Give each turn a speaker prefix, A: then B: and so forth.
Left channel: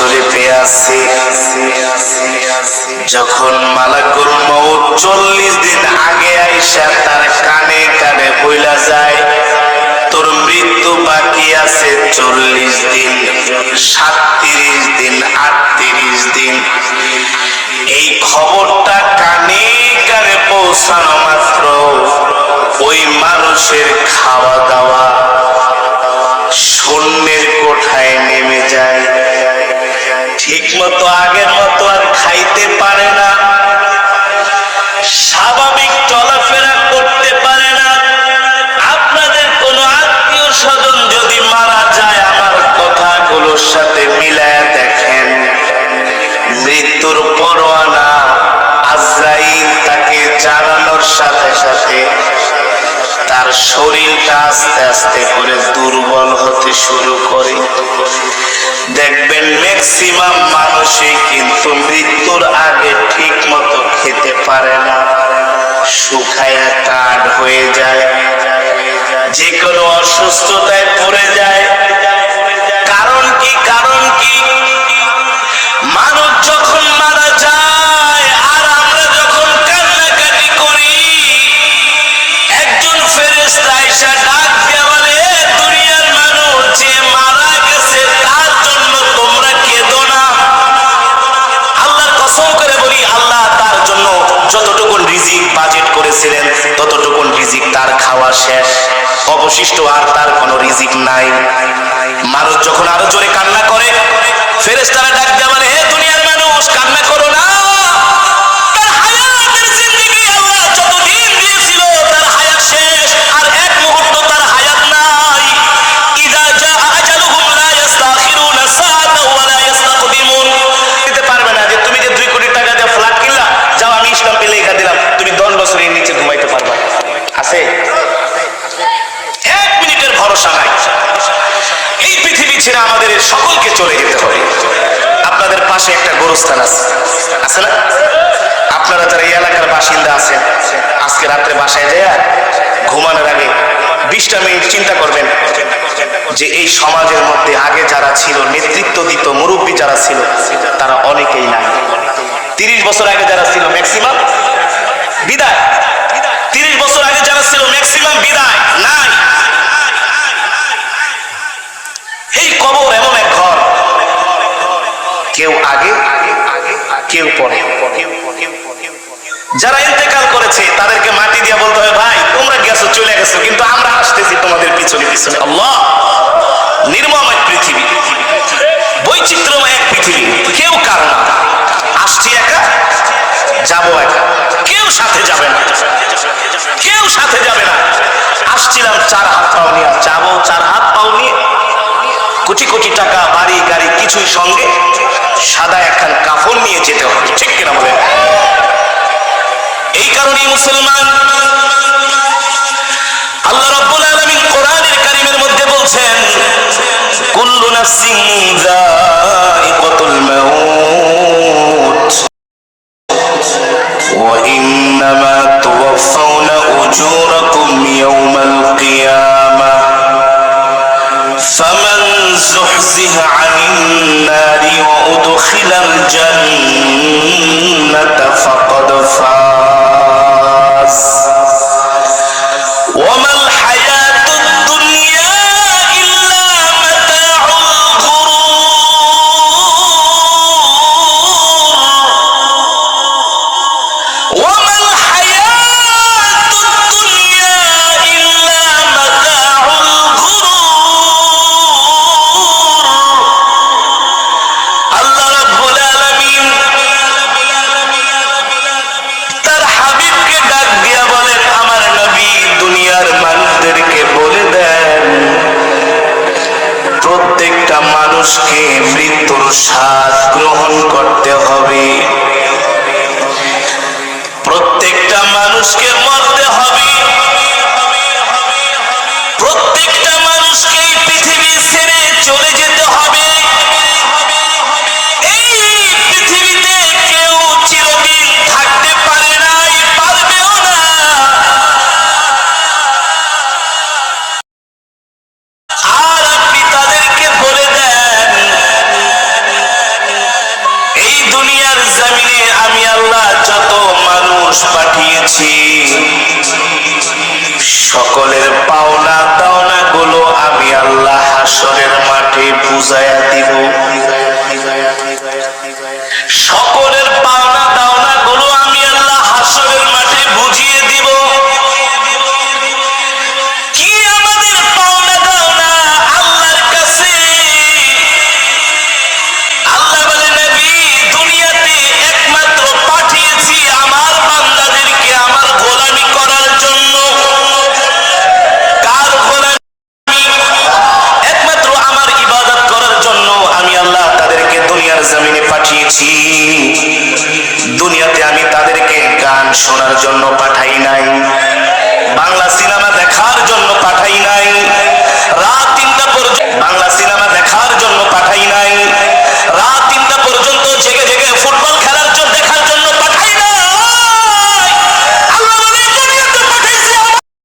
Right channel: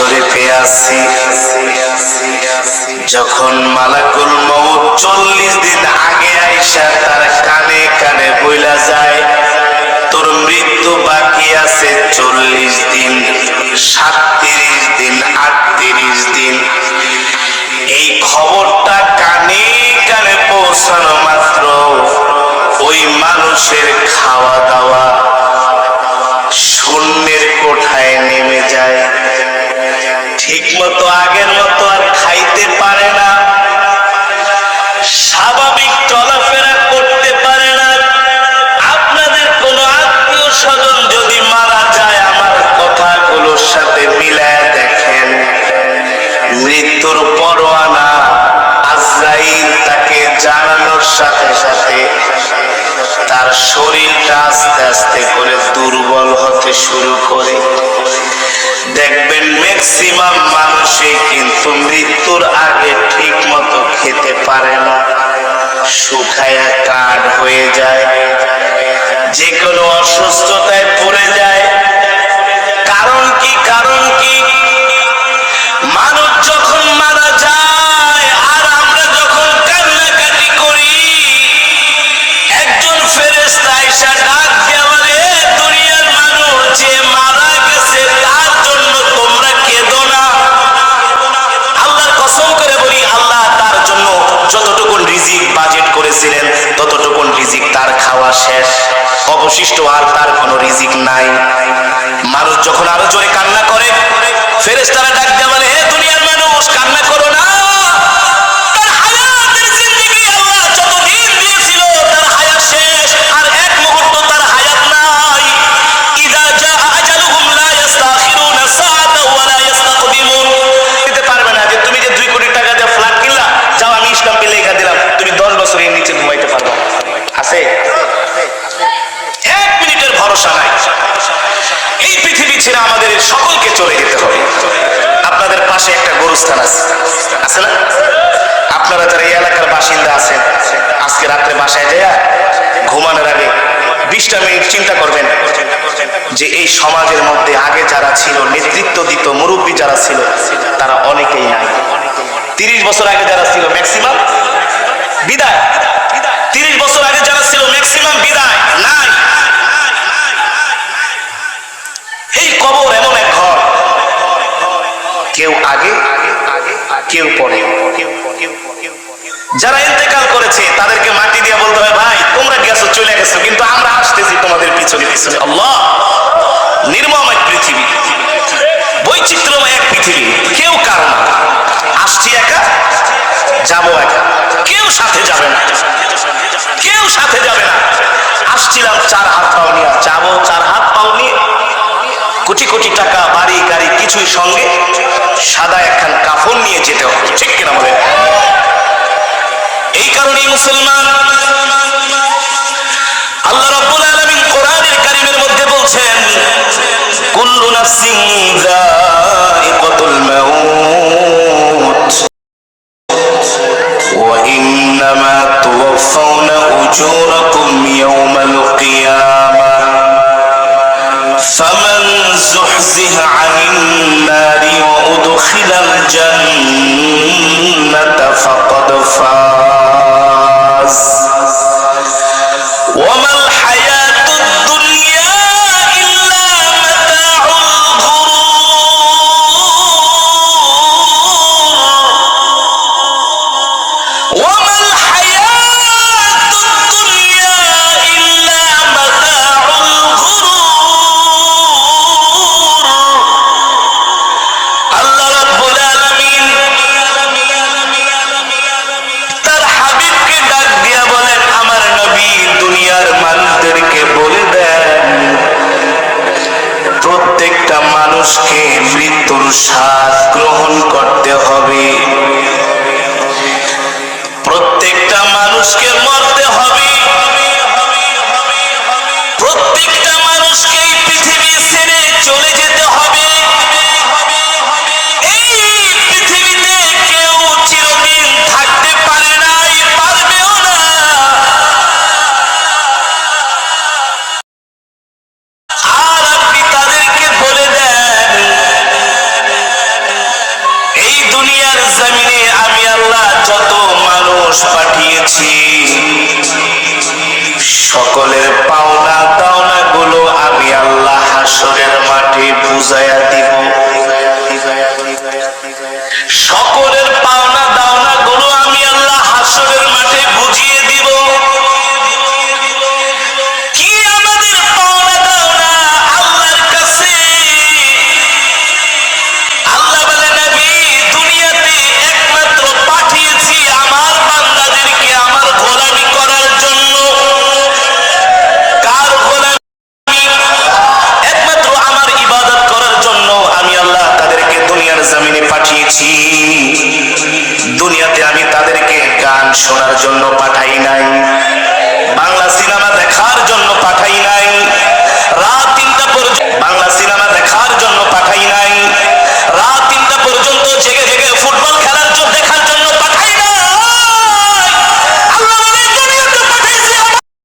A: শরীফে আছে যখন মালাকুল মৌত চল্লিশ দিন আগে আইসা তার কানে কানে বইলা যায়, তোর মৃত্যু বাকি আছে চল্লিশ দিন, সাতত্রিশ দিন, আটত্রিশ দিন। এই খবরটা কানে কানে পৌঁছানো মাত্র, ওই মানুষের খাওয়া দাওয়া মতো, আগের মতো আর খাইতে পারে না। স্বাভাবিক চলাফেরা করতে পারে না। আপনাদের কোন আত্মীয় স্বজন যদি মারা যায়, আমার কথাগুলোর সাথে মিলায় দেখেন। মৃত্যুর পরোয়ানা আজরাইল তাকে জানানোর সাথে সাথে তার শরীরটা আস্তে আস্তে করে দুর্বল হতে শুরু করে। দেখবেন ম্যাক্সিমাম মানুষই কিন্তু মৃত্যুর আগে ঠিক মতো খেতে পারে না। শুকায়া কাঠ হয়ে যায়। যে কোনো অসুস্থতায় পড়ে যায়। খাওয়া শেষ, অবশিষ্ট আর তার কোনো রিজিক নাই। মানুষ যখন আরও জোরে কান্না করে, ফেরেশতারা ডাক দেওয়া বলে, হে দুনিয়ার মানুষ, কান্না করো না। তার হায়াতের জিন্দেগি আল্লাহ যতদিন দিয়েছিল, তার হায়াত শেষ, আর এক মুহূর্ত তার হায়াত নাই। ইদা জা আজালুহুম লা ইস্তাখিরুনা সাআতাও ওয়া লা ইস্তাকদিমুন দিতে পারবে না যে, তুমি যে দুই কোটি টাকা দিয়ে ফ্ল্যাট কিনলা, যাও আমি স্টাম্পে লেখা দিলাম। তুমি দশ বছরের নিচে ঘুমাইতে পারবা। আছে? এক মিনিটের ভরসা নাই। এই পৃথিবী ছেড়ে আমাদের সকলকে চলে যেতে হবে। আপনাদের পাশে একটা গরুস্থান আছে। আছে না? আপনারা যারা এই এলাকার বাসিন্দা আছেন, আজকে রাত্রে বাসায় যায় ঘুমানোর আগে বিশটা মিনিট চিন্তা করবেন যে এই সমাজের মধ্যে আগে যারা ছিল, নেতৃত্ব দিত, মুরব্বী যারা ছিল, তারা অনেকেই নাই। তিরিশ বছর আগে যারা ছিল ম্যাক্সিমাম বিদায়। তিরিশ বছর আগে যারা ছিল ম্যাক্সিমাম বিদায়, নাই। এই কবর এমন এক ঘর। কেউ আগে আগে, কেউ পরে। যারা ইন্তেকাল করেছে, তাদেরকে মাটি দিয়ে বলতে হবে, ভাই, তোমরা গেছো, চলে গেছো, কিন্তু আমরা আসতেছি তোমাদের পিছনে পিছনে। আল্লাহ! নির্মম এক পৃথিবী। বৈচিত্র্যময় এক পৃথিবী। কেউ কার না। আসছি একা? যাব একা। কেউ সাথে যাবে না। কেউ সাথে যাবে না। আসছিলাম চার হাত পাও নিয়ে। যাব চার হাত পাও নিয়ে। কোটি কোটি টাকা, বাড়ি, গাড়ি, কিছুই সঙ্গে সাদা একখান কাফন নিয়ে যেতে হবে। ঠিক কিনা বলে এই কারণেই মুসলমান আল্লাহ রাব্বুল আলামিন কোরআনের কারীমের মধ্যে বলছেন, কুল্লু নাফসিন যায়িকাতুল মাউত। وإنما توفون أجوركم يوم القيامة. فمن زحزح عن النار وأدخل الجنة فقد فاز. মানুষকে মৃত্যুর স্বাদ গ্রহণ করতে হবে। প্রত্যেকটা মানুষকে মরতে পাঠিয়েছি সকলের পাওনা দাওনা গুলো আমি আল্লাহ হাসরের মাঠে বুঝাইয়া দিব। সকলের জমিনে পাঠিয়েছি। দুনিয়াতে আমি তাদেরকে গান শোনার জন্য পাঠাই নাই। বাংলা সিনেমা দেখার জন্য পাঠাই নাই।